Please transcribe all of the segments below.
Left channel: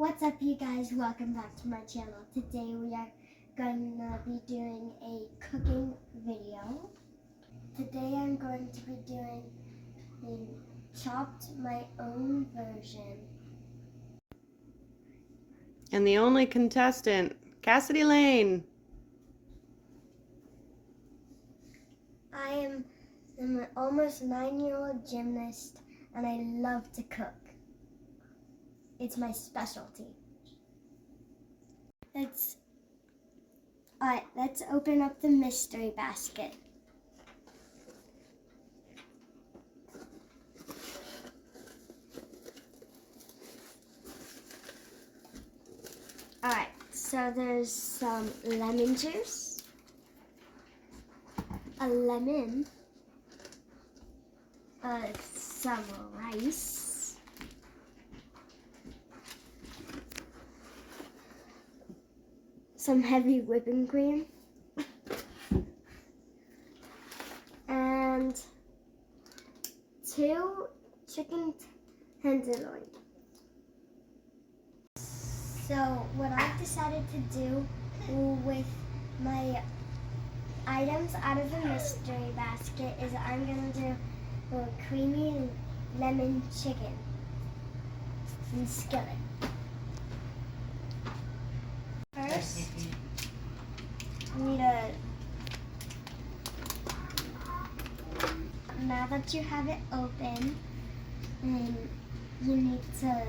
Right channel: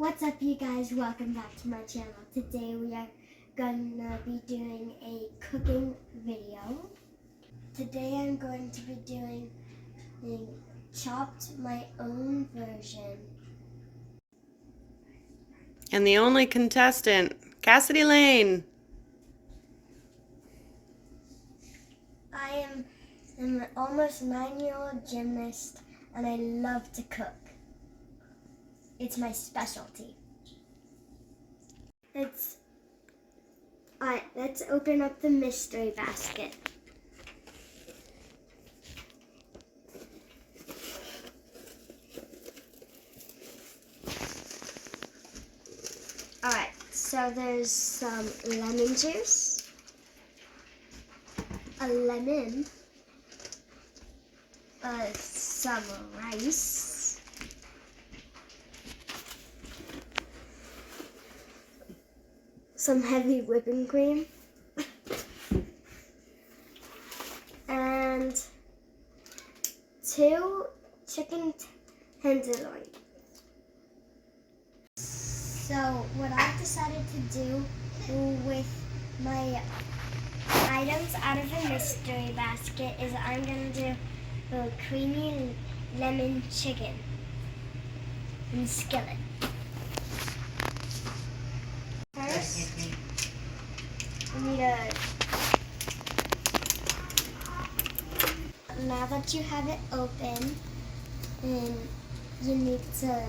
What's up, you guys? Welcome back to my channel. Today we are gonna be doing a cooking video. Today I'm going to be doing chopped my own version. And the only contestant, Cassidy Lane. I am an almost 9-year-old gymnast and I love to cook. It's my specialty. Let's open up the mystery basket. Alright, so there's some lemon juice, a lemon, some rice, some heavy whipping cream, and 2 chicken tenderloin. So what I've decided to do with my items out of the mystery basket is I'm going to do a creamy lemon chicken in skillet. First, you need now that you have it open, and you need to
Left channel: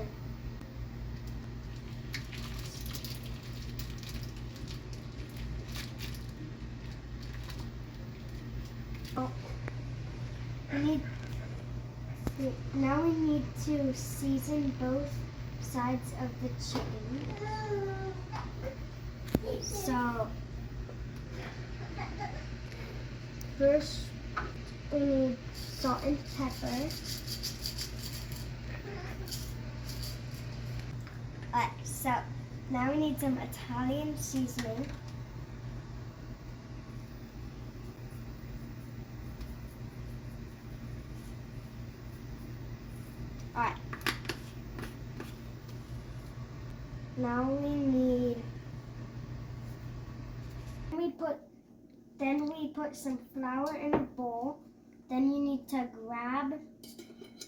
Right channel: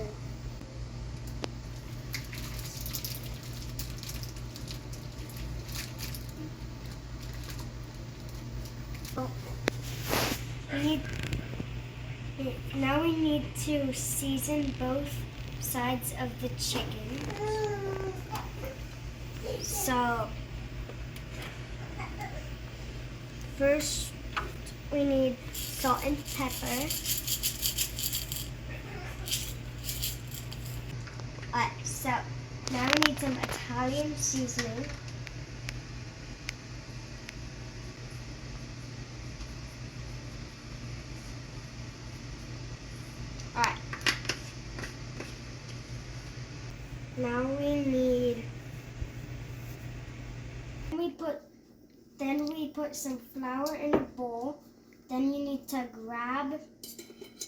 now we need to season both sides of the chicken. So first we need salt and pepper. So now we need some Italian seasoning. Alright. Now we put some flour in a bowl. Then you need to grab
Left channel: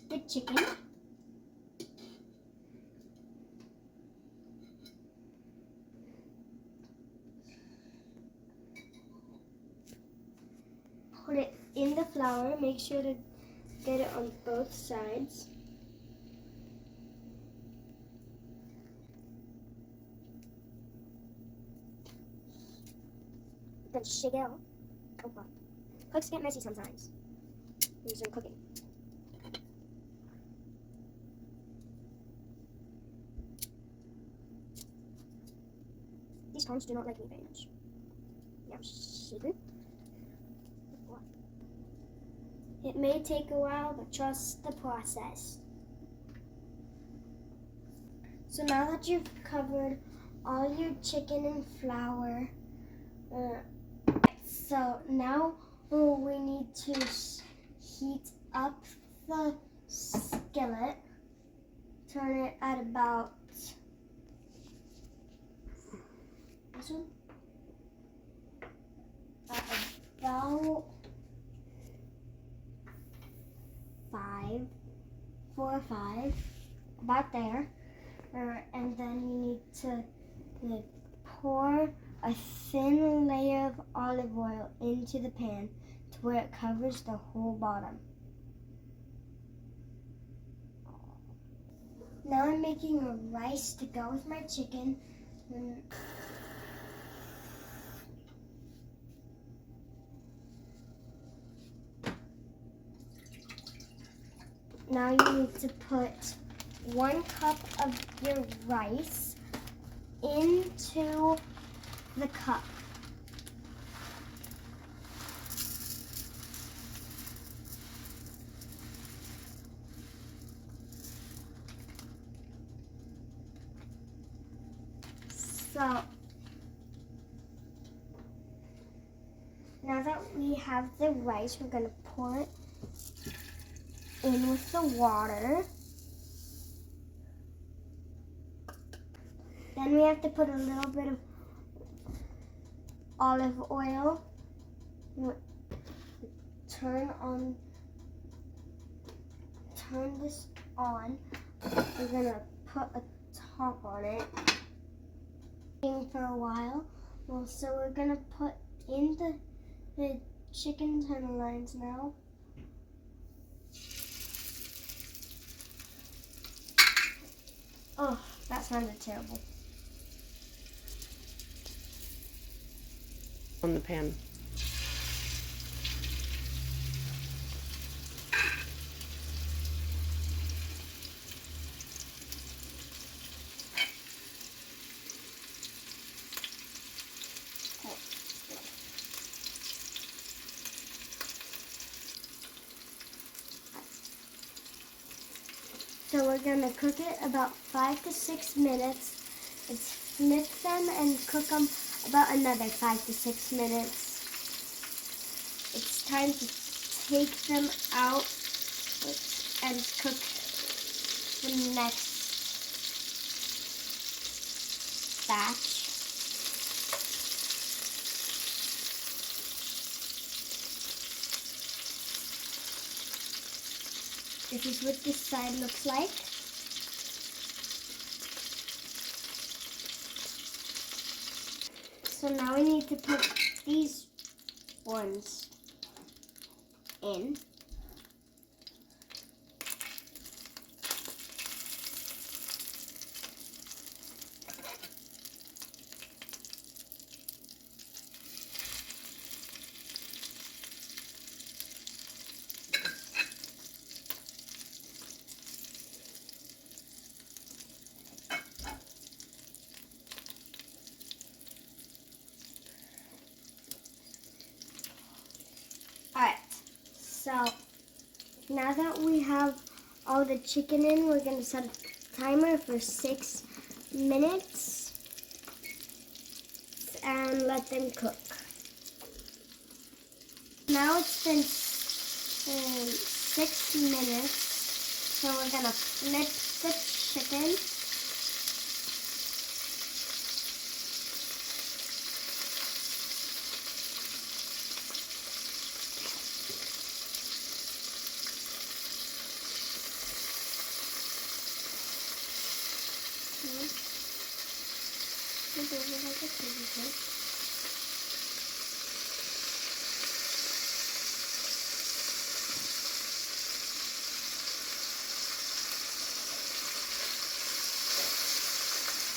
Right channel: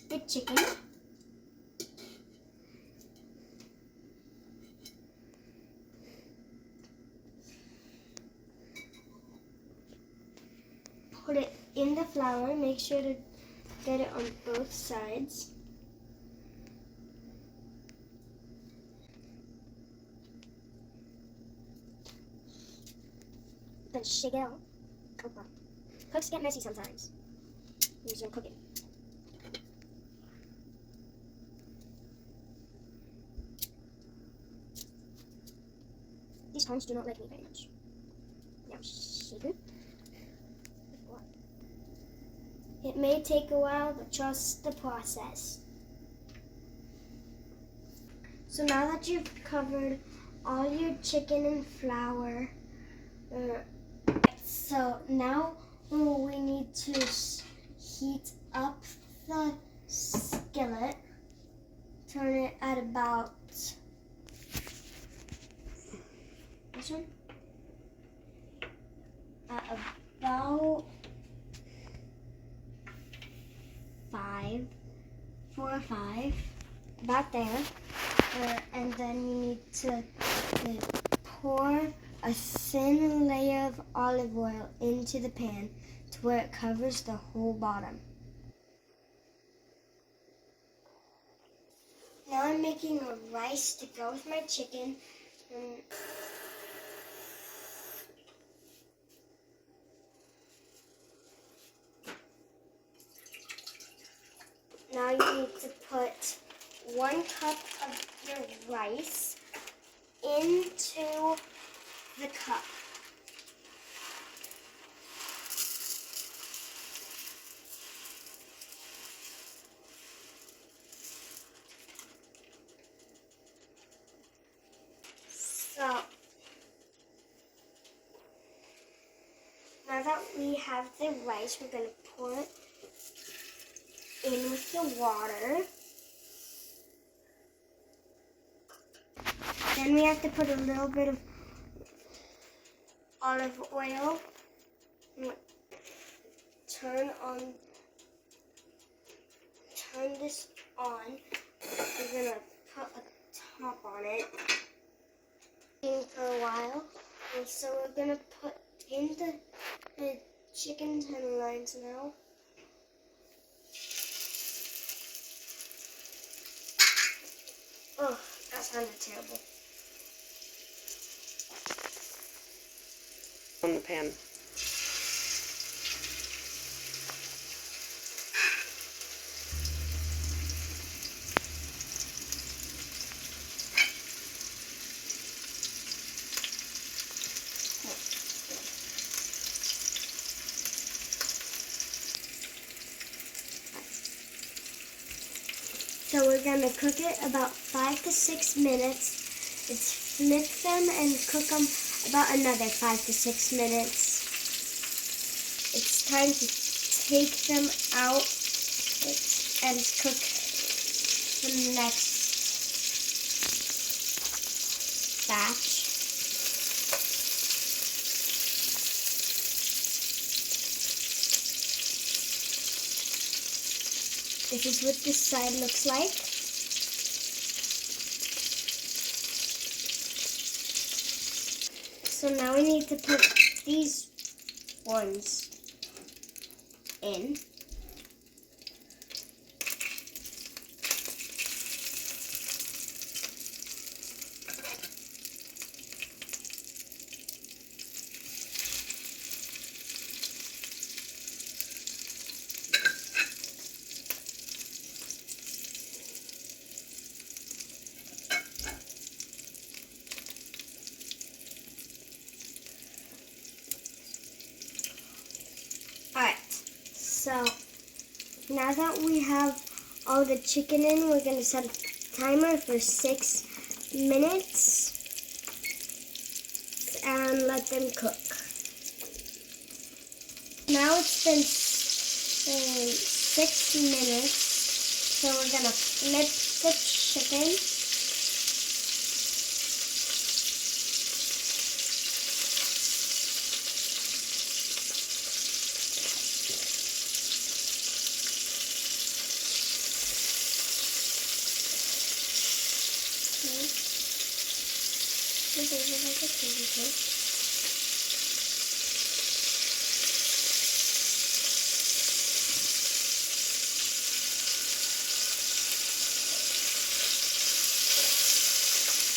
the chicken. Put it in the flour. Make sure to get it on both sides. Then shake it out. Come on. Cooks get messy sometimes. Here's some cooking. These tongs do not like me very much. Now shake it. It may take a while, but trust the process. So now that you've covered all your chicken in flour, so now we need to heat up the skillet. Turn it at about this one. At about 4 or 5, about there. And then you need to pour a thin layer of olive oil into the pan to where it covers the whole bottom. Now I'm making a rice to go with my chicken. Now you need to put 1 cup of your rice into the cup. So now that we have the rice, we're going to pour it in with the water. Then we have to put a little bit of olive oil. Turn this on. We're gonna put a top on it for a while. And so we're gonna put in the chicken tenderloins now. Oh, that sounded terrible. On the pan. So we're gonna cook it about 5 to 6 minutes. Let's flip them and cook them about another 5 to 6 minutes. It's time to take them out and cook the next batch. This is what this side looks like. So now we need to put these ones in. Alright, so now that we have all the chicken in, we're going to set a timer for 6 minutes and let them cook. Now it's been 6 minutes, so we're going to flip the chicken.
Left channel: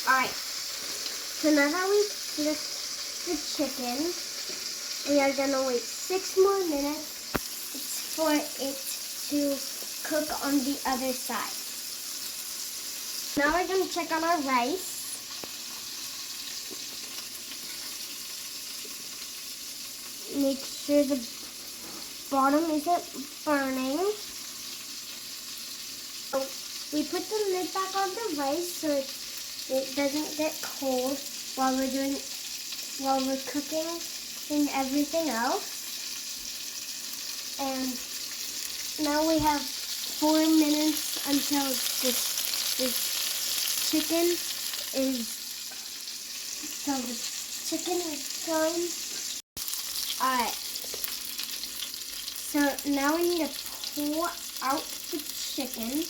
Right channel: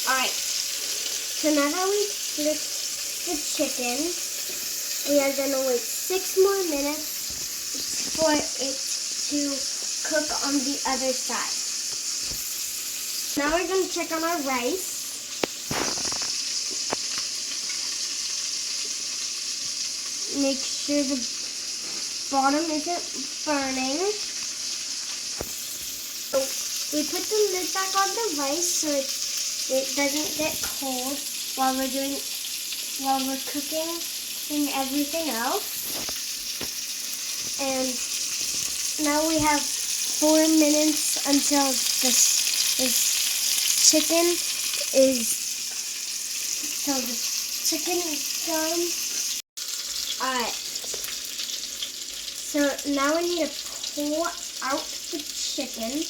Alright, so now that we've flipped the chicken, we are going to wait 6 more minutes for it to cook on the other side. Now we're going to check on our rice. Make sure the bottom isn't burning. So we put the lid back on the rice so it doesn't get cold while we're cooking and everything else. And now we have 4 minutes until this chicken is done. Alright, so now we need to pull out the chicken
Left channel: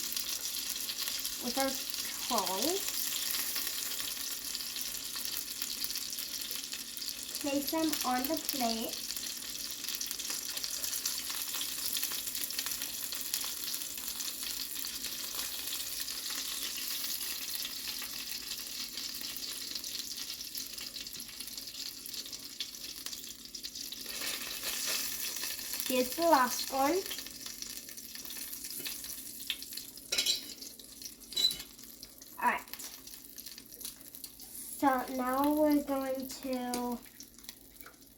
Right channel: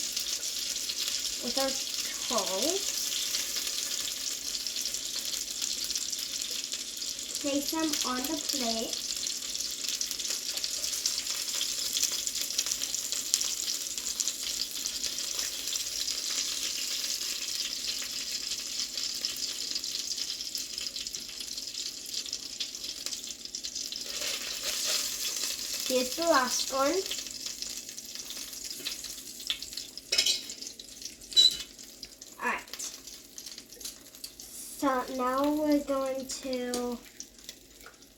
with our tongs. Place them on the plate. Here's the last one. Alright. So now we're going to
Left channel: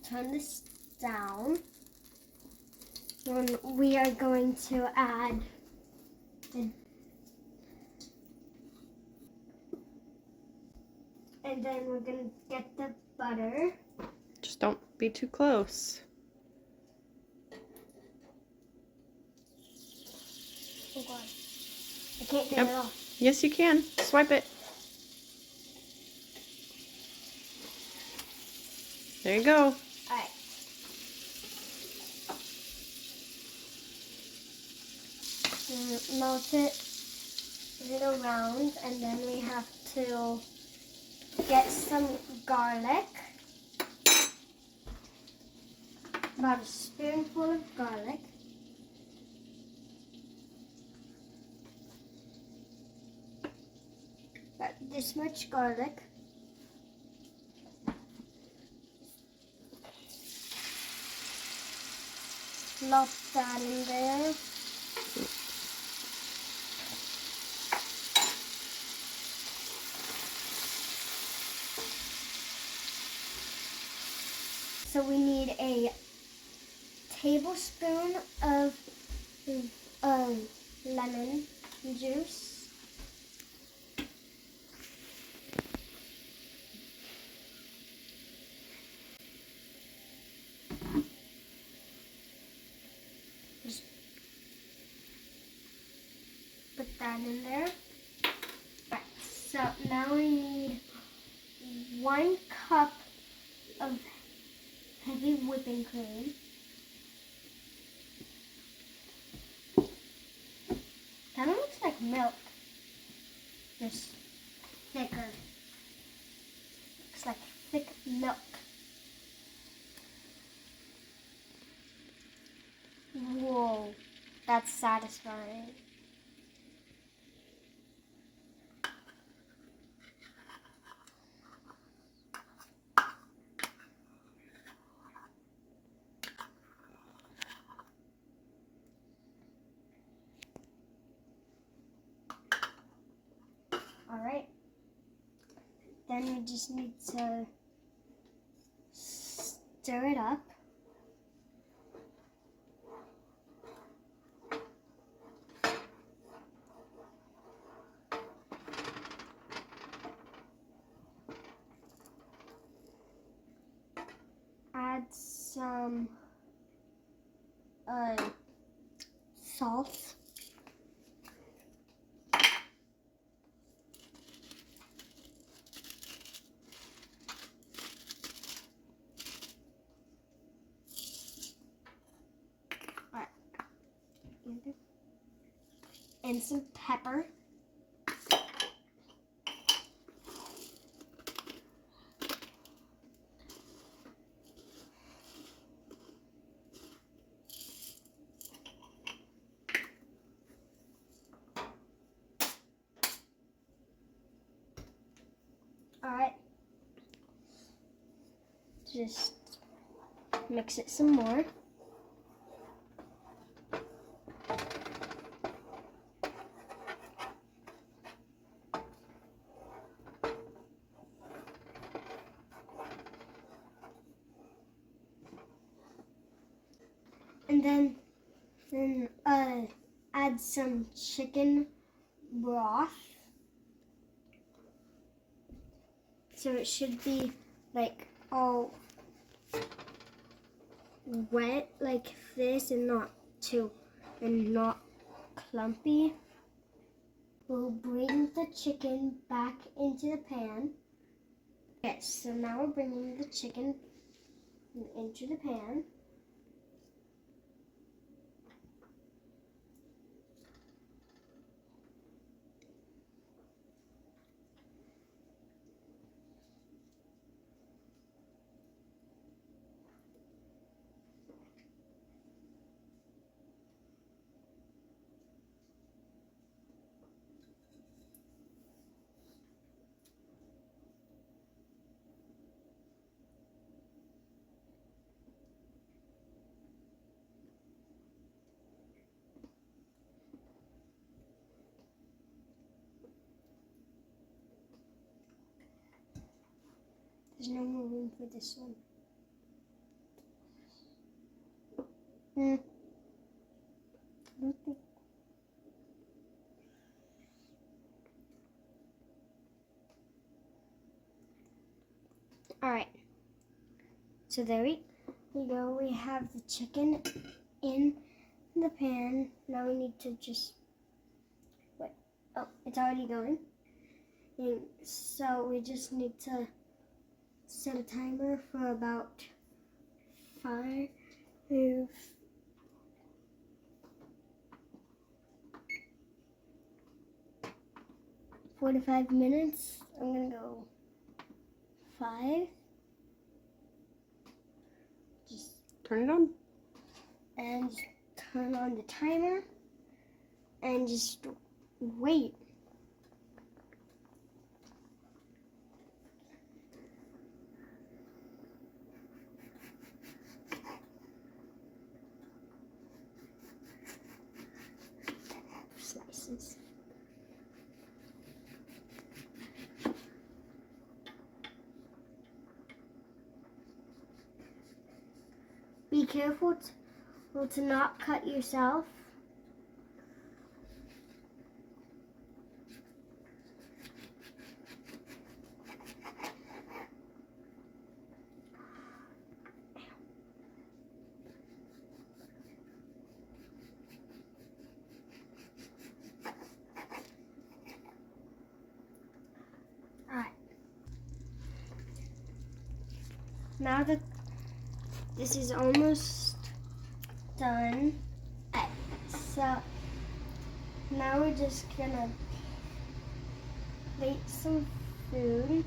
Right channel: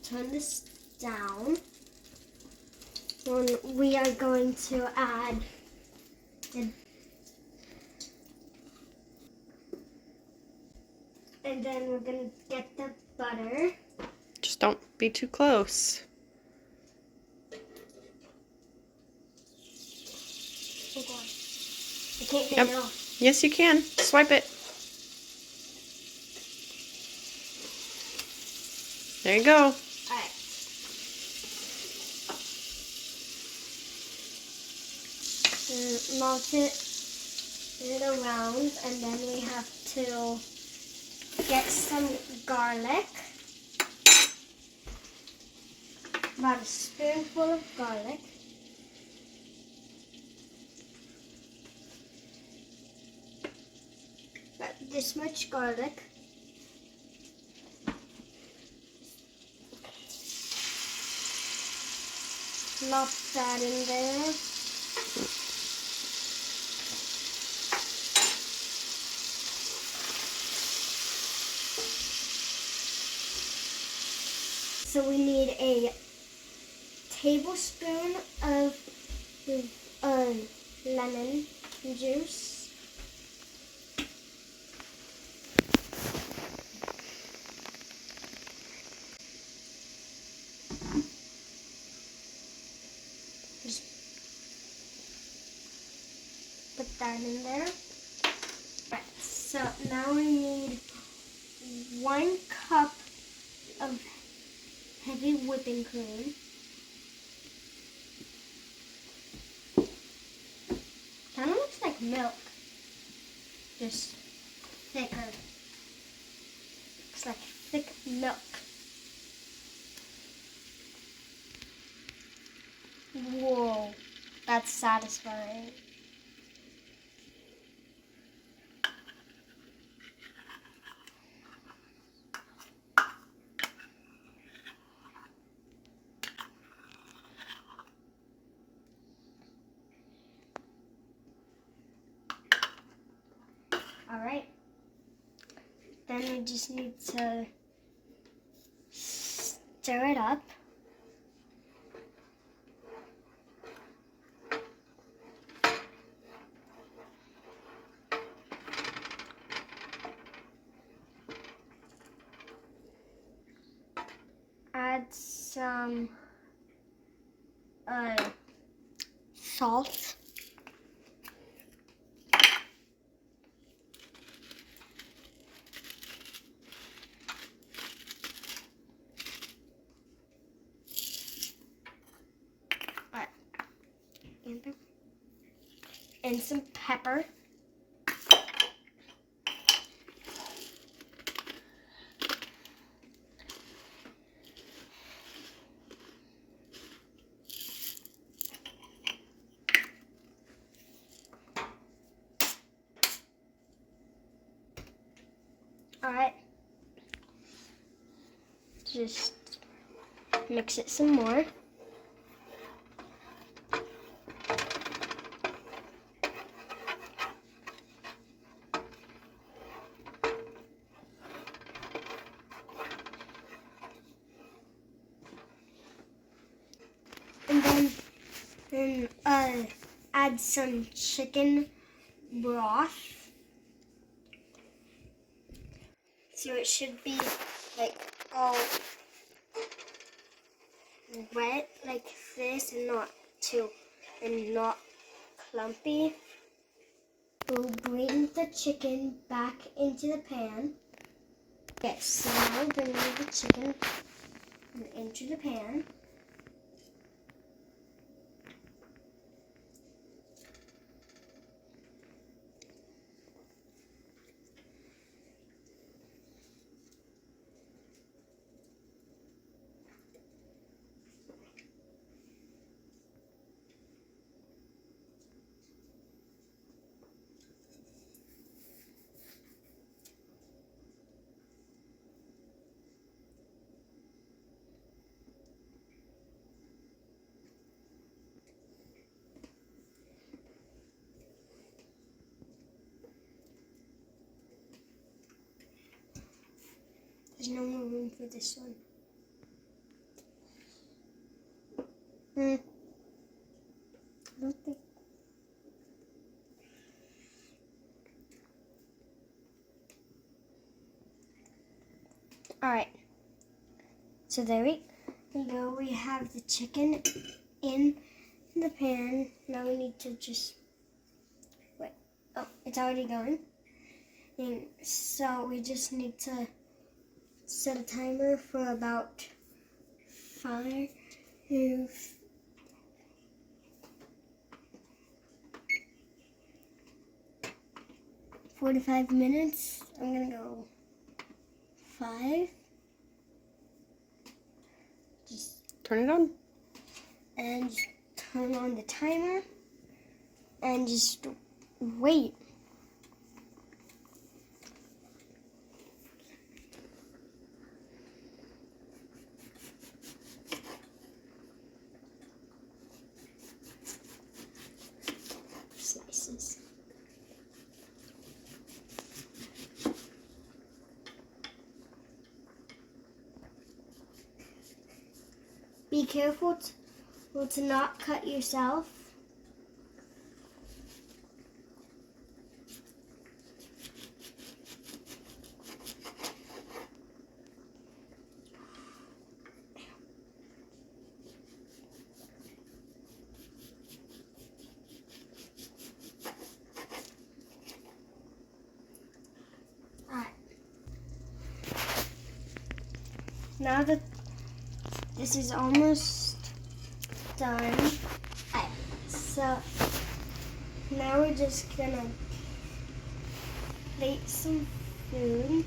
turn this down. And we are going to add and then we're going to get the butter. Just don't be too close. Oh God. I can't get Yep. it off. Yes, you can. Swipe it. There you go. Alright. Melt it around, and then we have to get some garlic. About a spoonful of garlic. About this much garlic. Plop that in there. So we need a tablespoon of lemon juice. Just put that in there. Right, so now we need 1 cup of heavy whipping cream. Kind of looks like milk, just thicker. Looks like thick milk. Whoa, that's satisfying. Alright, then we just need to stir it up. Add some salt. And some pepper. Alright, just mix it some more. And then add some chicken broth. So it should be like all wet like this and not clumpy. We'll bring the chicken back into the pan. Okay, so now bring the chicken into the pan. There's no more room for this one. I don't think. Alright. So there we go. We have the chicken in the pan. Now we need to just wait. Oh, it's already going. And so we just need to set a timer for about 45 minutes. I'm gonna go 5. Just Turn it on. and just turn on the timer and just wait. Slices. Be careful to not cut yourself. Alright. Now that this is almost done, so now we're just gonna plate some food.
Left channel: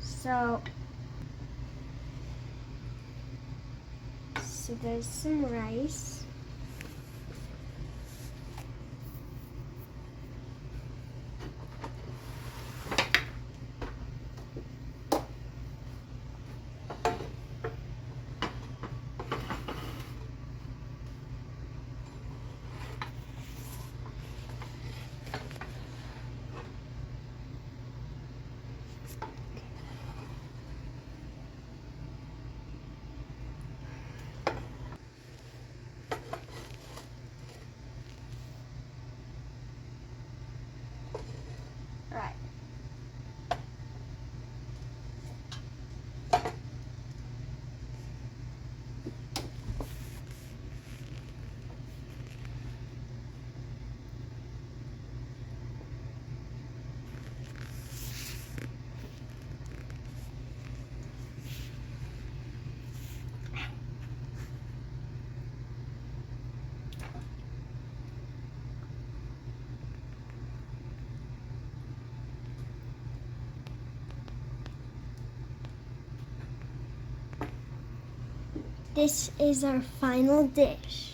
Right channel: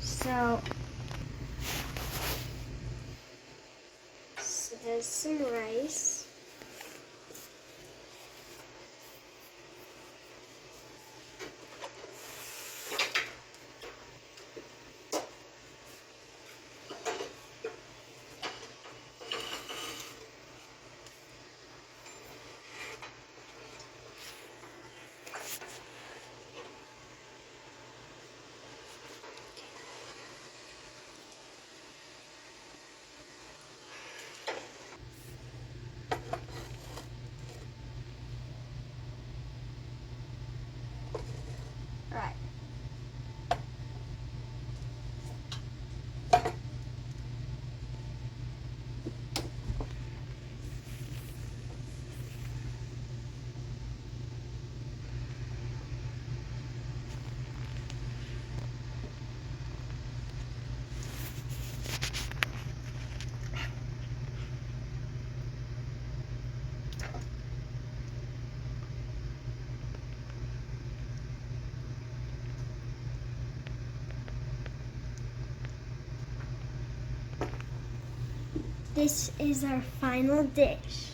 So there's some rice. Right. This is our final dish.